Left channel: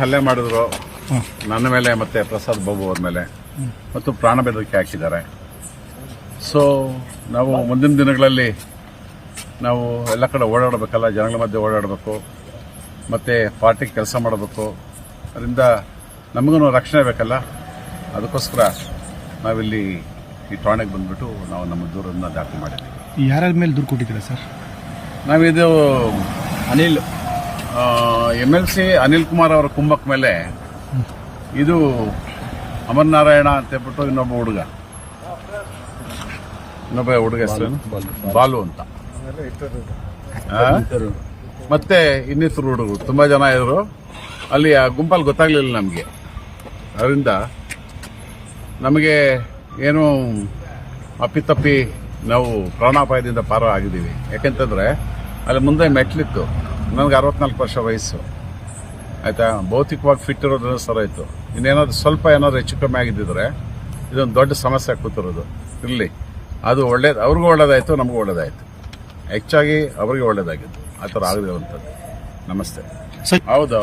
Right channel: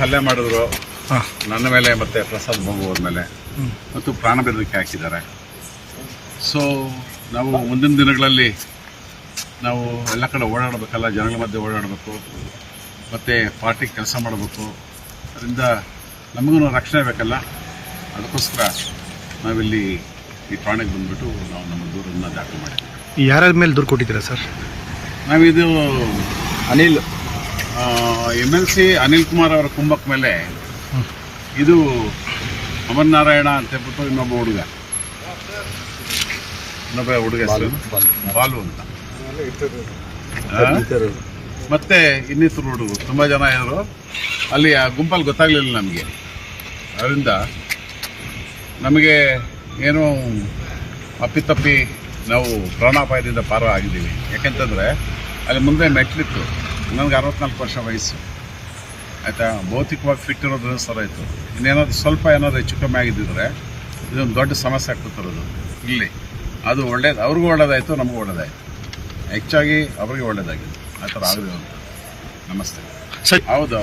ಹಲ್ಲೆ ಮಾಡಿದ್ರು ನನ್ನ ಮೇಲೆ ಮತ್ತು ಪ್ರಸಾದ್ ಬಾಬು ಅವ್ರ ಮೇಲೆ ಮತ್ತು ಪ್ರಾಣ ಬೆದರಿಕೆ ಹಾಕಿದ್ದಾರೆ. ಸೊ ನಾವು ಮುಂದಿನ ದಿನಗಳಲ್ಲಿ ನಾವು ಎಲ್ಲ ಕಡೆ ಓಡಾಡಬೇಕಲ್ಲ, ಜನಗಳ ಮಧ್ಯೆ ಓಡಾಡಬೇಕು ಮತ್ತು ಪಾರ್ಟಿಗೆ ಕೆಲಸ ಮಾಡಬೇಕು. ಅದರಿಂದ ನಮಗೂ ರಕ್ಷಣೆ ಬೇಕಲ್ಲ, ಅದಕ್ಕೋಸ್ಕರ ನಾವಿಲ್ಲಿ ಈ ಠಾಣೆಗೆ ಬಂದುಬಿಟ್ಟು ನಾವು ನಮ್ಮ ದೂರನ್ನು ದಾಖಲು ಮಾಡಿದ್ದೀವಿ. ಯಾರ್ಯಾರ ಮೇಲೆ ದೂರು ಕೊಟ್ಟಿದ್ದೀರಾ ಸರ್? ನಾವಿದು MLC ಅನಿಲ್ ಕುಮಾರ್ ಅವರ ಕುಂಭಕ್ಕೆ ಮೇಲೆ ಇದು ಅಮರನಾರಾಯಣ ಅಂತ ಹೇಳ್ಬಿಟ್ಟು ಇನ್ನೊಬ್ಬ ಹುಡುಗ ಹೆಸರು ಬಾಲು ಅಂತ, ಮತ್ತೆ ಇನ್ನಿತರು ಹುಡುಗರು ತುಂಬ ಜನ ಇದ್ರು. ಅಲ್ಲಿ ಆ ಗುಂಪಲ್ಲಿ ಗೊತ್ತಾಗಲಿಲ್ಲ ನಮಗೆ. ಅದರಿಂದ ನಮಗೆ ಏನು ಅಪ್ಪಿತಪ್ಪಿ ನಾವು ಪ್ರಾಣಾಪಾಯದಿಂದ ಪಾರ ಆಗಿದ್ದೀವಿ. ಯಾಕೆಂತಂದರೆ ಅಲ್ಲಿ ಮುಂದೆ ಮೆಟ್ಲಿತ್ತು. ನನಗೆ 64 ವರ್ಷ ವಯಸ್ಸು ಆಯಿತಾ. ಭೌತಿಕವಾಗಿ ಫಿಟ್ ಇರೋದನ್ನ ಸರ ಇತ್ತು. ಇನ್ನೇನಾದ್ರು ಸ್ವಲ್ಪ ಏನಾದ್ರು ಹೆಚ್ಚು ಕಮ್ಮಿ ಆಗಿದ್ದಿದ್ರೆ ಇದೊಂದು ದೊಡ್ಡ ಸಮಸ್ಯೆ ಕೂತಿರೋದು. ಇರಲಿ, ಅದು ಒಳ್ಳೇದು, ಅವ್ರಿಗೂ ಒಳ್ಳೇದಾಯಿತು, ನಮಗೂ ಒಳ್ಳೇದಾಯಿತು. ಹೆಚ್ಚಾಗಿ ಅವರಿಗೆ ಒಳ್ಳೇದಾಗಿತ್ತು. ಆ ಥರ ಆಗಿರುವಂಥದ್ದು. ನಮಸ್ತೆ. ಹೌದು.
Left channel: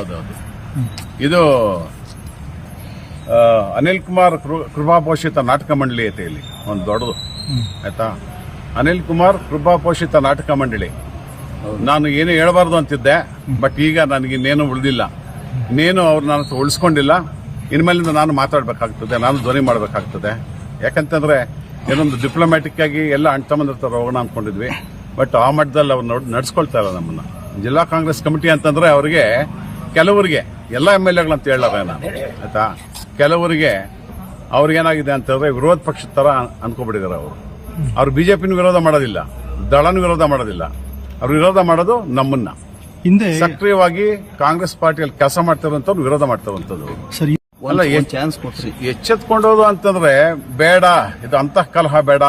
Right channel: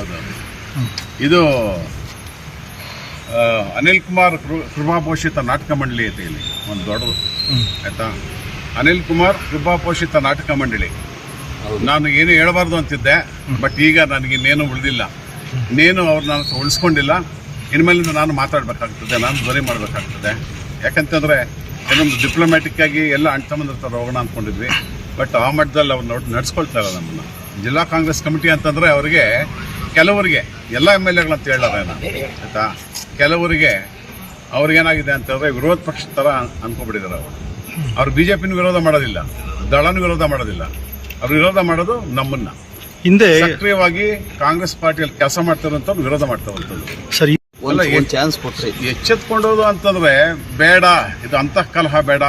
ಇದು ಅನಿಲ್ ಕುಮಾರ್ ಕೃಪಾಪೋಷಿತ ನಾಟಕ ಮಂಡಳಿ ಐತೆ ಇಲ್ಲಿ ಒಂದು ದೊಡ್ಡದು, ಆಯಿತಾ. ಅನಿಲ್ ಕುಮಾರ್ ಕೃಪಾಪೋಷಿತ ನಾಟಕ ಮಂಡಳಿ. ನಾನು ಏನು ಹೇಳಬಾರ್ದು ಅಂತಿದ್ದೆ, ಬಟ್ ಈಗ ನನಗಿನ್ನೇನು ಉಳಿದಿಲ್ಲ. ಇನ್ನೇನು ಅವ್ರು ನಾನು ಉಳಿಸ್ಕೊಂಡಿಲ್ಲ. ಇನ್ಮೇಲಿಂದ ನಾನು ಮಾತಾಡಬೇಕಾಗ್ತದೆ, ನಾನು ಧ್ವನಿ ಮಾಡಬೇಕಾಗ್ತದೆ. ಯಾಕಂತಂದರೆ ಏನೊಂದು ಡಿಪ್ಲೊಮ್ಯಾಟಿಕ್ ಆಗಿ ಎಲ್ಲ ಅಂಟಮಂದ್ರ ಥರ ಹೋಗೋಣ ಅಂದ್ಕೊಂಡಿದ್ವಿ. ಬಟ್ ಆ ಮಟ್ಟದಲ್ಲಿ ಅವ್ರು ನಡೆಸ್ಕೊಳ್ತಾ ಇಲ್ಲ ನಮ್ಮನ್ನು. ಜಿಲ್ಲಾ ಕಾಂಗ್ರೆಸ್ ಕಮಿಟಿ ಅಂತಂದರೆ ಅವರಿಗೆ ಕೆಲವರಿಗೆ ಎಲ್ಲ MLA ಅಂತ ಹೇಳಾರೆ ನಾನು, ಆಯಿತಾ. ಕೆಲವರಿಗೆ ಅವ್ರಿಗೇನಾಗಿದೆ ಅಂತಂದರೆ ವಿರೋಧ ಪಕ್ಷದ ಥರ ಅನ್ಕೊಬಿಟ್ಟಿದ್ದಾರೆ. ಅವರು BJPನ ವಿರೋಧ ಮಾಡೋದಿಲ್ಲ, ದಳನ ವಿರೋಧ ಮಾಡೋದಿಲ್ಲ. ಅವ್ರು ವಿರೋಧ ಮಾಡೋದು ನಮ್ಮನ್ನ. ಹಿಂದೆ ಸಕ್ರಿಯವಾಗಿ ಕಾಂಗ್ರೆಸ್ ಪಾರ್ಟಿಯಲ್ಲಿ ಕೆಲಸ ಮಾಡ್ತಿರುವಂಥವ್ರು ವಿರೋಧ ಮಾಡ್ತಿರುವಂಥದ್ದು. ಅಲ್ಲ, ಚಾನ್ಸ್ ಕೊಟ್ರಿ ಎಚ್ಚೆತ್ಕೊಂಡೋದು ಅಂತಂದ್ರೆ ಬೇಡ, ಇದು ಅಂತಃ ಕಲಹ ಬೇಡ,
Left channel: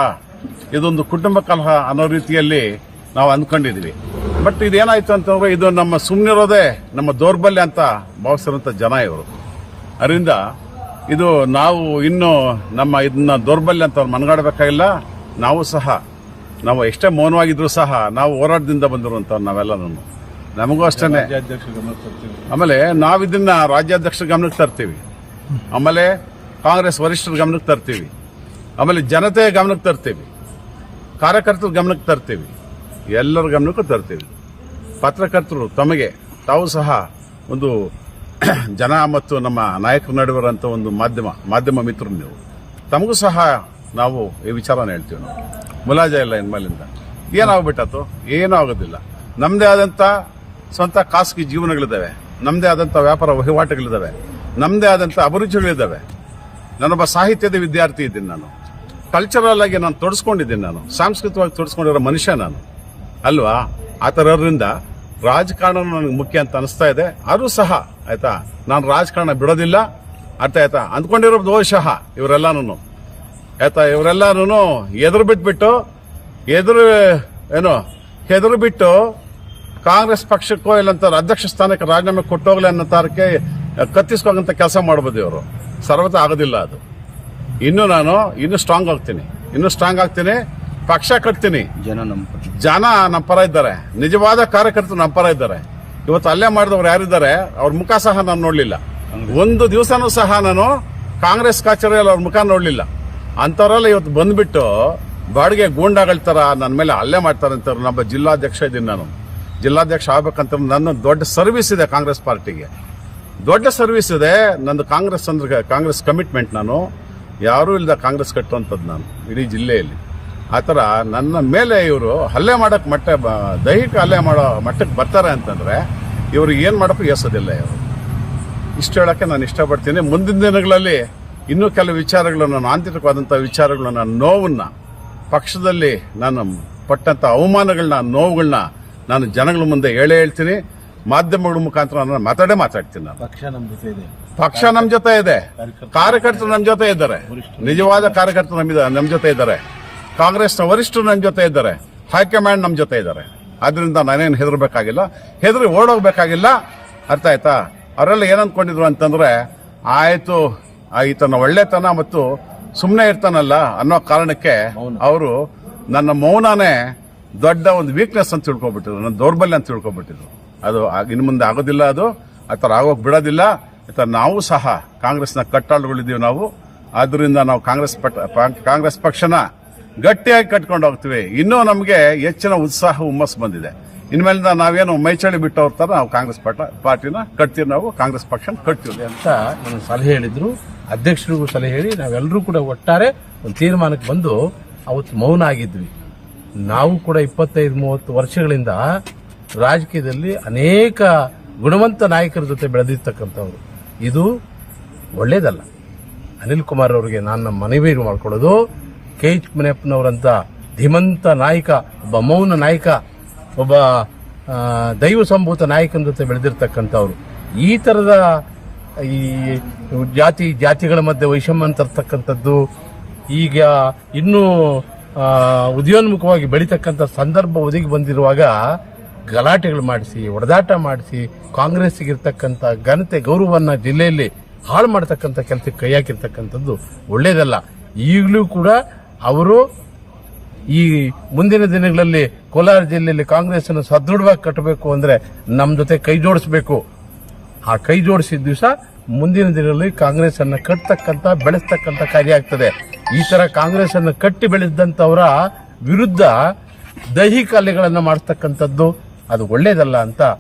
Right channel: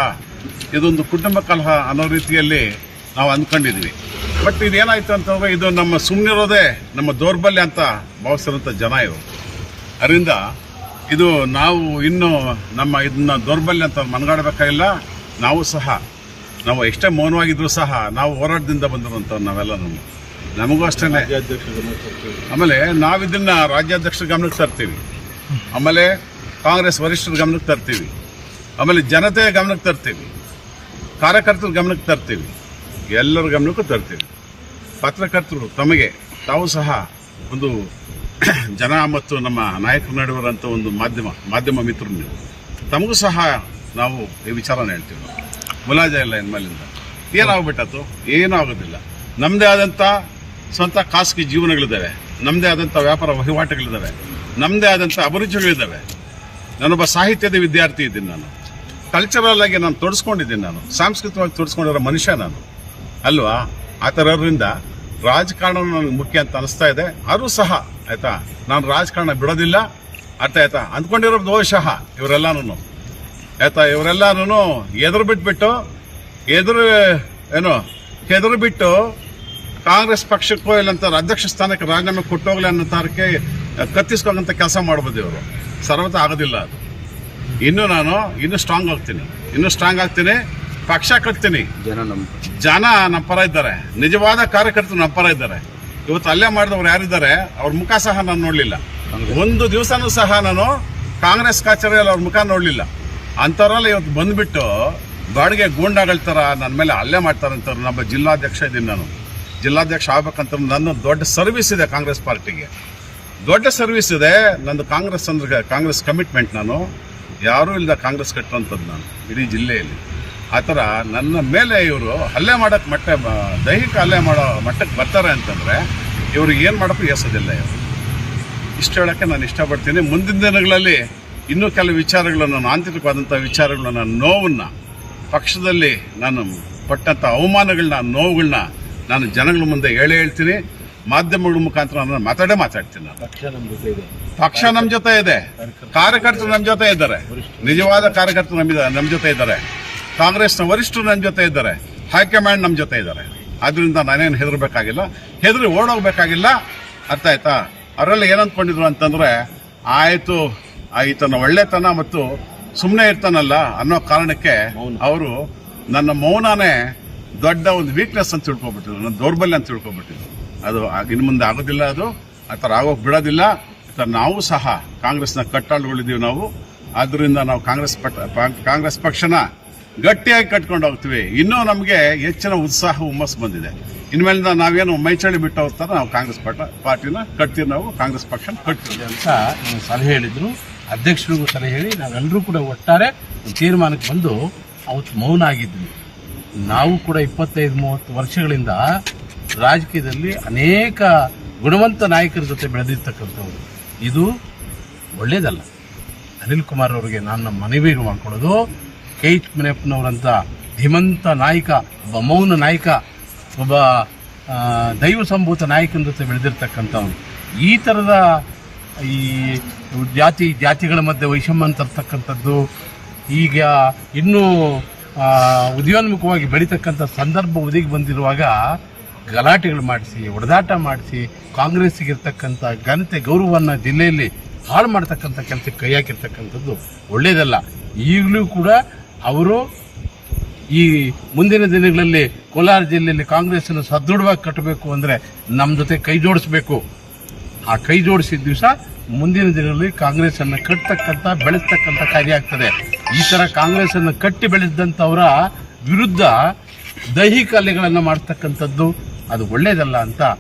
ಇದೊಂದು ಕುಟುಂಬ ಕಲಹ ಅನ್ನೋ ರೀತಿಯಲ್ಲಿ ನಾವು ಅಂದ್ಕೊಂಡಿದ್ವಿ. ಬಟ್ ಇದೇನಾಯ್ತು ಅಂತಂದ್ರೆ ಇದು ನಮ್ಮ ಸುಮ್ಮನಿರೋದೇ ನಮ್ಮ ದೌರ್ಬಲ್ಯ ಅಂತ ಭಾವಿಸಿರುವಂಥ ಜನ ಇವರು. ಅದರಿಂದ ಇದು ನಾವು ಇನ್ನು ನಮ್ಮ ಇದನ್ನ ದೌರ್ಬಲ್ಯ ಅಂತ ಮನಗಾಡಬೇಕಾಗಿಲ್ಲ. ನಾವು ಎಷ್ಟೇ ಮೌನವಾಗಿದ್ರು ಸಹ ನಾವು ಹೋರಾಟದಿಂದ ಬಂದಿರುವಂಥವ್ರು ನಾವೆಲ್ಲ. ನಮಗೂ ಅಷ್ಟೇ. ಆಮೇಲೆ ನಾವಿದನ್ನ ರಾಜ್ಯಾಧ್ಯಕ್ಷರ ಗಮನಕ್ಕೆ ತರ್ತೀವಿ, ಆಮೇಲೆ ಕಾಂಗ್ರೆಸ್ ವರಿಷ್ಠರ ಗಮನಕ್ಕೆ ತರ್ತೀವಿ, ಆಮೇಲೆ ಜನತೆಯ ಗಮನಕ್ಕೆ ತರ್ತೀವಿ, ಕಾರ್ಯಕರ್ತರ ಗಮನಕ್ಕೆ ತರ್ತೀವಿ, ಎಲ್ಲರ ಗಮನಕ್ಕೂ ತರ್ತೀವಿ. ಪತ್ರಕರ್ತರು ತಾವು ಸಹ ಒಂದು ಜನ ಮತ್ತು ನಮ್ಮ ನಾಯಕರ ನಡುವಿರುವಂಥ ಒಂದು ಮಾಧ್ಯಮ ಮಿತ್ರರು ನೀವು. ತಮಗೂ ಸಹ ನಾವು ಈ ವಿಚಾರನ ಹೇಳ್ತೀವಿ. ನಾವು ಮುಲಾಜ ಇಲ್ಲ ಇನ್ಮೇಲಿಂದ. ಏನಾಗ್ಬಿಟ್ಟತು? ಏನೂ ಆಗೋದಿಲ್ಲ. ನಮ್ಮದೇ ಆದಂಥ ಸ್ವಂತ ಖಾಸಗಿ ಜೀವನಗಳಿದ್ದಾವೆ, ನಮ್ಮದೇ ಆದಂಥ ವ್ಯಾಪಾರ ವಹಿವಾಟುಗಳಿದ್ದಾವೆ, ನಮ್ಮದೇ ಆದಂಥ ಅಭಿರುಚಿಗಳಿದ್ದಾವೆ. ನಾನೊಬ್ಬ ಸಾಹಿತ್ಯದ ವಿದ್ಯಾರ್ಥಿ ಇದ್ದೀನಿ. ನಾನು ಕಲ್ಚರಲ್ ಆಗಿ ನಾನು ತೊಡಸ್ಕೊಂಡಿದ್ದೀನಿ. ನಾನು ಸಾಂಸ್ಕೃತಿಕವಾಗಿ ತೊಡಸ್ಕೊಂಡಿರೋ ಮನುಷ್ಯ ನಾನು ಅಲ್ವಾ. ಆ ಥರದಿಂದ ರಾಜಕಾರಣ ನನಗೆ ಮುಖ್ಯ ಅಂತ ಅನಿಸ್ತಾ ಇದೆ. ಆದರೂ ಸಹ ಆಯಿತಾ, ನಾನು ರಾಜಕಾರಣ ಬಿಡೋದಿಲ್ಲ. ಅರ್ಥ ಆಯ್ತಾ. ಅಂದ್ಕೊಂಡಿರೋ ದೋಷಃ ಇವರೆಲ್ಲನೂ ಆಯ್ತಾ, ಇವರೆಲ್ಲನೂ ಎದುರು ಬಿಟ್ಟು ಕಾಂಗ್ರೆಸ್ ಪಕ್ಷಕ್ಕೋ ಇಲ್ಲಂತ ಅಧ್ಯಕ್ಷ ಸ್ಥಾನಕ್ಕೆ ರಾಜೀನಾಮೆ ಕೊಟ್ಟೋಗ್ಲಿ ಅನ್ನೋ ತಾರಕ್ಕೆ ಕತ್ತಿಸ್ಕೋಂತ ಕೆಲಸ ಮಾಡ್ಬೋದು ಇವರು. ಸರ್ವತ ಆಗೋದಿಲ್ಲ ಅದು. ಇನ್ನೂ ಸ್ಟ್ರಾಂಗ್ ಆಗ್ತೀನಿ, ಪಕ್ಷ ಕಟ್ತೀನಿ. ಜನ ನಮ್ಮ ಪರ ಇದ್ದಾರೆ, ನಿಜವಾದ ಕಾರ್ಯಕರ್ತರು ನಮ್ಮ ಪರ ಇದ್ದಾರೆ. ಇವತ್ತು ಅಲ್ಲೇ ಮಾಡಿದವ್ರು ಯಾರಿದ್ದಾರೆ ಅವ್ರ ಮುಖ ಸಹ ನಾನು ನೋಡಲಿಲ್ಲ. ಒಂದು ದಿವಸನೂ ಸಹ ನಾನು ಕಾಂಗ್ರೆಸ್ ಕಚೇರಿಯಲ್ಲಿ ಅವ್ರ ಮುಖ ನೋಡಲಿಲ್ಲ. ಅಂಥವರೆಲ್ಲ ಇವತ್ತು ಬಂದ್ಬಿಟ್ಟು ಬಾಡಿಗೆ ಗೂಂಡಾಗಳ ಥರ ನನ್ನ ಮೇಲೆ ಹಲ್ಲೆ ಮಾಡ್ತಾರೆ ಅಂತ. ನಮ್ಮ ಜಿಲ್ಲಾಧ್ಯಕ್ಷ ಇದ್ದೀನಿ. ನಾನು ಜಿಲ್ಲಾಧ್ಯಕ್ಷ ಆಗ್ಬೇಕಂತ ನನ್ನ ದೊಡ್ಡ ಸರ್ವಿಸ್ ಇದೆ ಕಾಂಗ್ರೆಸ್ ಪಾರ್ಟಿಗೆ, ದೊಡ್ಡ ಸರ್ವಿಸ್ ಇದೆ ನಂದು. ಕಾಂಗ್ರೆಸ್ ಕಮಿಟ್ಮೆಂಟ್. ನಾನು ಯಾರೂ ಇಲ್ಲದ ಕಾಂಗ್ರೆಸ್ ಕಟ್ಟುವಂಥದ್ದು ನಾನು ಇಡೀ ಜಿಲ್ಲೆಯಲ್ಲಿ. ಆ ಥರ ನನ್ನ ಮೇಲೆ ಇವರು ಹಲ್ಲೆ ಮಾಡೋಕ್ಕೆ ದೈಹಿಕ ಹಲ್ಲೆ ಮಾಡೋ ಮಟ್ಟಕ್ಕೆ ಬರ್ತಾರೆ ಅಂತಂದರೆ ಇವ್ರಿಗೆ ಏನು ಮಾಡೋಕ್ಕೂ ಎಸೋದಿಲ್ಲ ಇವರು. ಇಷ್ಟು ಹೇಳೋಕ್ಕೆ ನಾನು ಇಷ್ಟಪಡ್ತೀನಿ. ಮುಂದಿನ ದಿನಗಳಲ್ಲಿ ಇನ್ನೂ ಕೆಲವು ವಿಚಾರಗಳನ್ನು, ಆಂತರಿಕವಾದಂಥ ವಿಚಾರಗಳನ್ನ, ನೋವನ್ನು, ಪಕ್ಷದಲ್ಲಿ ನಾನು ಪಟ್ಟಂಥ ಅವಮಾನಗಳನ್ನ, ನೋವುಗಳನ್ನ ನಾನು ಜನಗಳ ಮುಂದೆ ಹೇಳ್ತೀನಿ. ಮಾಧ್ಯಮಗಳ ಮುಖಾಂತರ ನಾನು ಮಾತಾಡ್ತೀನಿ. ನಾನು ಪಕ್ಷ ನಮ್ಮ ಜೊತೆ ಇದೆ, ಕಾರ್ಯಕರ್ತರು ನಮ್ಮ ಜೊತೆ ಇದ್ದಾರೆ, ನಿಜವಾದ ಕಾರ್ಯಕರ್ತರು ನಮ್ಮ ಜೊತೆ ಇದ್ದಾರೆ, ಕಾಂಗ್ರೆಸ್ನ ವರಿಷ್ಠರು ನಮ್ಮ ಜೊತೆ ಇದ್ದಾರೆ, ಹೈಕಮಾಂಡ್ ನಮ್ಮ ಜೊತೆ ಇದ್ದಾರೆ. ಆದ್ರಿಂದ ನಾನೇನು ಹೆದರಿ ಓಡೋಗ್ಬೇಕಾಗಿಲ್ಲ. ಅರ್ಥ ಆಯ್ತಾ. ಅವರೆಲ್ಲ ಏನಂದ್ಕೊಂಡಿದ್ರು ಅಂತಂದ್ರೆ ಆಯ್ತು ಈತನ ಒಳ್ಳೆತನ ಮತ್ತು ಸುಮ್ಮನೆ ಇರ್ತಾನಲ್ಲ ಅನ್ನೋ ಕಾರಣಕ್ಕೆ ಅವರು ನನ್ನ ಮೌನನೇ ದೊಡ್ಡ ಒಂದು ವೀಕ್ನೆಸ್ ಅಂತ ತಿಳ್ಕೊಬಿಟ್ಟಿದ್ರು, ನನ್ನ ದೌರ್ಬಲ್ಯ ಅಂತ ತಿಳ್ಕೊಬಿಟ್ಟಿದ್ರು. ಅದು ಇನ್ನು ಮುಂದೆ ಆಗೋದಿಲ್ಲ. ಅದು ಆ ಥರ ಆಗೋಕೆ ಬಿಡೋದಿಲ್ಲ. ನಾವು ಸಹ ಕಾಂಗ್ರೆಸ್ನ ಕಟ್ಟಾಳುಗಳಿದ್ದೀವಿ ನಾವು. ಆದ್ದರಿಂದ ನಾವು ಕಾಂಗ್ರೆಸ್ ಪಕ್ಷನ ಗಟ್ಟಿಯಾಗಿ ಕಟ್ಕೊಂಡು ಹೋಗ್ತೀವಿ. ಇನ್ನೂ ನಮಗೆ ಹೆಚ್ಚಿನ ಉತ್ಸಾಹ ಹುಮ್ಮಸ್ ಬಂದಿದೆ. ಇನ್ಮೇಲಿಂದ ನಾವೇನು ಮೈಚಳಿ ಬಿಟ್ಟು ಹೋಗ್ತಾರೆ, ನಾವು ಕಾಂಗ್ರೆಸ್ ಪಾರ್ಟಿನ ಕಟ್ತೀವಿ, ನಾವು ಕಾಂಗ್ರೆಸ್ ಪಕ್ಷ ಕಟ್ತೀವಿ ಅಂತ ನಾನು ಸಲಹೆ ಹೇಳಿದ್ರು. ಅಧ್ಯಕ್ಷರಿಗೂ ಸಲಹೆ ಹೇಳಿ ನಾವೆಲ್ಲರೂ ಕೂಡ ಒಟ್ಟಾರೆ ಒಂದು ತೀರ್ಮಾನಕ್ಕೆ ಬಂದು ಅವತ್ತು ಮೌನ ಆಗಿದ್ವಿ. ನಾವು ಕೂಡ 25-30 ವರ್ಷಗಳಿಂದ ರಾಜಕೀಯದಲ್ಲಿ ಅನೇಕ ಗುಣವಂತ ನಾಯಕರ ಜೊತೆ ಬೆಳೆದಿರ್ತಕ್ಕಂಥವ್ರು. ಇದು ಒಳ್ಳೇದಲ್ಲ. ಅನಿಲ್ ಕುಮಾರ್ ಅವರಿಗೆ ನಾನು ಮನವಿ ಮಾಡ್ಕೊಳ್ಳೋದು, ಕೆ ಎಚ್ ಮುನಿಯಪ್ಪನವರಂಥ ಧೀಮಂತ ನಾಯಕ, ಒಬ್ಬ ಮೌನ ನಾಯಕ, ಒಬ್ಬ ದೈವ ಸಂಭೂತ ನಾಯಕನ ಜೊತೆ ಬೆಳೆದಿರ್ತಕ್ಕಂಥವ್ರು ಈ ಥರದ ಈ ಜಾತಿಗಳ ಮಧ್ಯೆ ವೈಷಮ್ಯ ತರ್ತಕ್ಕಂಥದ್ದು ಈಗ ಇನ್ನೂ ಉದಯೋನ್ಮುಖವಾಗಿ ಬೆಳೀತಕ್ಕಂಥ ಸಂದರ್ಭ ಒದಗಿ ಬಂದಿರುವಾಗ ಗಲಾಟೆಗಳು ಮಾಡಿಸಿ, ಹೊಡೆದಾಟ ಮಾಡಿಸಿ, ಕಾಂಗ್ರೆಸ್ಸಿಗಿರ್ತಕ್ಕಂಥ ಘನತೆ ಗೌರವವನ್ನು ಜಿಲ್ಲೆಯಲ್ಲಿ ಹಾಳು ಮಾಡ್ತಕ್ಕಂಥ ಕೆಲಸಕ್ಕೆ ಕೈ ಹಾಕಿರ್ತಕ್ಕಂಥದ್ದು ಒಳ್ಳೆಯದಲ್ಲ. ಈಗಲೂ ಕೂಡ ಅವರು ಈ ಮುಂದಿನ ದಿನಗಳಲ್ಲಿ ಕೋಲಾರ ಜಿಲ್ಲೆಯಲ್ಲಿ ಕಾಂಗ್ರೆಸ್ಸನ್ನು ಸದೃಢವಾಗಿ ಕಟ್ಟಬೇಕು ಅಂದರೆ ನಮ್ಮ ಜೊತೆ ಕೈ ಜೋಡಿಸಬೇಕು. ಆ ಕೈ ಜೋಡಿಸಿದ ದಿವಸ ಮುಂದಿನ ದಿನಗಳಲ್ಲಿ ಕಾಂಗ್ರೆಸ್ಸನ್ನು ಕಟ್ಟತಕ್ಕಂಥ ಬೆಳೆಸ್ತಕ್ಕಂಥ ಕಾರ್ಯ ಆಗ್ತದೆ. ಈ ಥರ ಕಾಂಗ್ರೆಸ್ಸನ್ನು ಕಟ್ಟಿ ಬೆಳೆಸಿದಂಥವರ ವಿರುದ್ಧ ದೈಹಿಕ ಹಲ್ಲೆಗಳನ್ನು ಮಾಡ್ತಕ್ಕಂಥದ್ದು ಅದು ಒಳ್ಳೆಯದಲ್ಲ ಅಂತ